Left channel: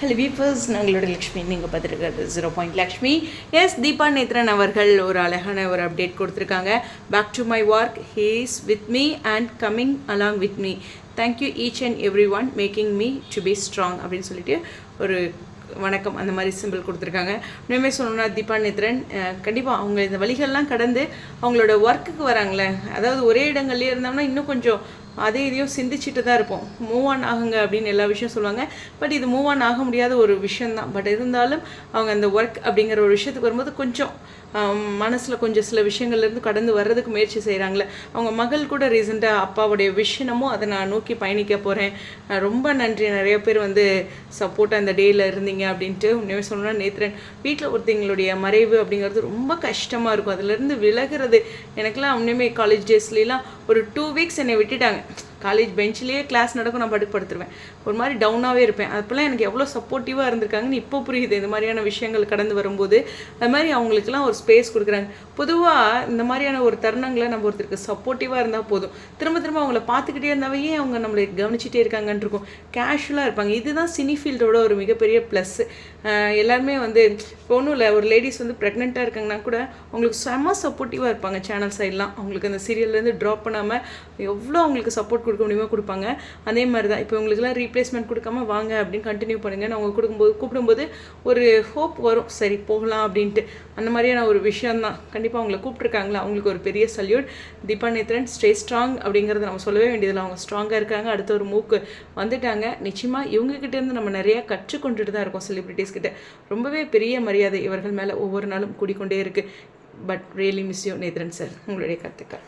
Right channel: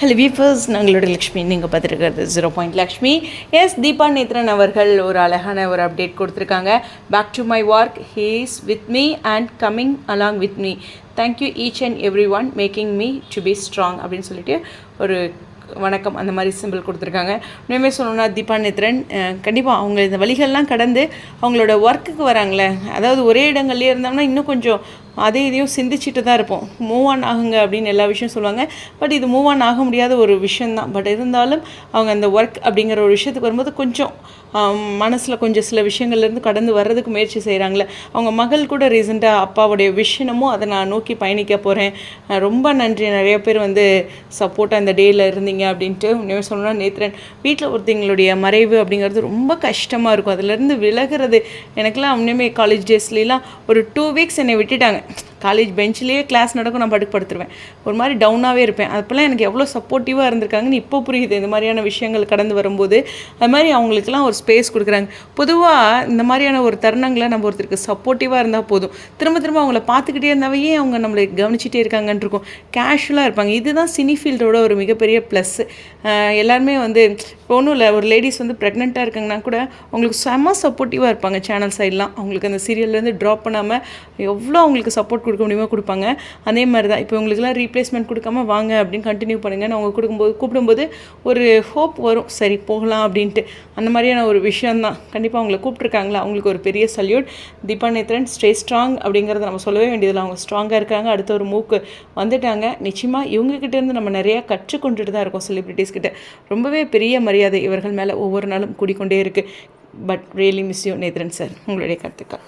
Hello வீஃபர்ஸ், நாங்களோட லக்ஷ்மி. நீங்கள் பார்த்துருக்கிறது 0 லக்ஷ்மி. எஸ், தீபா நேத்ரன் அவர்கள் ஒரு அழகான ஒரு அப்டேட் கொடுத்துருக்காங்க. Back to my work, he is with me and coming along with me. Thank you each and every one making me to be strong அப்படின்னு சொல்லிட்டு ஒரு வணக்கம் அந்த மாதிரி சிம்பிள் கொடுத்துருக்காங்க. உண்மையுமே சொல்லணும்னா தீபா நேத்ரன் கண்டிப்பாக அவங்க இந்த வழிகள்லாம் கடந்து அவங்களோட ஒர்க்குக்கு வராங்களே, அதாவது ஒரே இடங்கள்லேயே இருந்தோம்னா இன்னும் கொஞ்சம் அதே இதையும் சிந்திச்சுட்டு தான் இருப்போம். மூவ் ஆன் ஆகுங்க அப்படின்னு எல்லா விஷயம் சொல்லுவாங்க. பட் இது மூவ் ஆன் ஆக முடியாத ஒரு விஷயந்தான். பட் இருந்தாலும் அவங்க அந்த ஒர்க் அப்படிங்கிற ஒரு விஷயத்துக்கு வரும்போது கொஞ்சம் மனசில் கொஞ்சம் சில விஷயங்கள்லேருந்து கடந்து வர்றதுக்கு முயற்சி செய்கிறாங்களே. அவங்க மகள் கூட ரீசெண்டாக அப்பாவுடைய விஷயமும் அதை நான் நோக்கி பயணிக்க போகிறேன், ரொம்ப நன்றி, நிறைய பேர் வந்து சப்போர்ட்டாக அந்த டேயில் இருந்தீங்க அப்படின்ட்டு. உண்மையாக சொல்லணும்னா நேத்ரன் வீட்டில் ஒருத்தங்களுடைய மறைவு அப்படிங்கிறது ரொம்ப கஷ்டமாக இருக்கும். அதுலேருந்து விலகிறது எனக்குலாம் உண்மையுமே காலேஜ் டேஸ்லாம் ஒரு 2 வீக்ஸ் என்னை விட்டுட்டாங்க. காலேஜ் பெஞ்சிலேயே கிளாஸ் நடக்கும், நான் படுத்துருவேன், ஒரு மாதிரி டவுனாகவே இருப்பேன். அப்போல்லாம் எனக்கு எவ்வளோ சப்போர்ட்டிவாக இருந்திருக்காங்கன்னு இப்போ புரியுது. இந்த மாதிரியான விஷயங்கள் கடந்து வரும்போது அது மாதிரி அவங்களுக்குலாம் ஒரு ஸ்பேஸ் கொடுக்குறாங்க. பொதுவாக இந்த மாதிரியான ஒரு தருணங்களை நம்ம ஒருத்தருக்கு சப்போர்ட்டிவாக இருந்தால் போதும். திரும்ப திரும்ப அவங்கள பார்த்துக்கிட்டே இருந்தாவே அவங்க நம்மளை கவனிச்சிட்டே இருக்காங்கன்னு இருக்கும். கேஷுவலாக இருப்பாங்க. இதுதான் சினி ஃபீல்டோட ஒரு மிகப்பெரிய ப்ளஸ். எல்லாருமே வந்து இப்போ ஒன்றும் இல்லை, ஒரு லேடிஸ் வந்து ப்ரெக்னெண்ட்டாக இருக்காங்கன்னா கூட அவங்களுக்கு செம்ம சப்போர்ட்டிவாக இருப்பாங்க. சேனல் சைட்லாம் அவங்களுக்கு அந்த சீரியல்லேருந்து ட்ராப் பண்ணாமல் எவ்வளோ அவங்களுக்கு சப்போர்ட் கொடுக்க முடியுமோ கொடுப்பாங்க. அதே மாதிரி தான் இப்போ உங்களுக்குலாம் ரீப்ளேஸ்மெண்ட் கொடுக்காம வாங்க அப்படின்னு கண்டினியூ பண்ணுங்கள். நான் அவங்க கூப்பிடும்போது ஒரு ஹோப் வரும், சரி போகலாம் அப்படின்ட்டு. அந்த மாதிரியான ஒரு விஷயந்தான். கண்டிப்பாக அவங்களை கூப்பிட்ருக்காங்களா, அவங்களுக்கு ஒரு பெரிய salute. Deepa Nethran stay strong அப்படிங்கிறத நம்ம சொல்லவே வேண்டியதில்லை. அவங்க ஸ்ட்ராங்காக இருக்காங்க, அடுத்த ஒரு மூக்கு வந்துட்டாங்க. நிச்சயமாக இவங்ககிட்டேருந்து நம்ம நிறையா கற்றுக்கொண்டுட்டு தான் இருக்கோம். செலிப்ரிட்டிஸ் கிட்ட ரொம்பவே பெரிய மரியாதை இவர்கள் மேலே ஒவ்வொரு நாளும் கூடிக்கொண்டே இருக்குது. But really miss you Nethran sir. உங்களுடைய கருத்துக்கள்.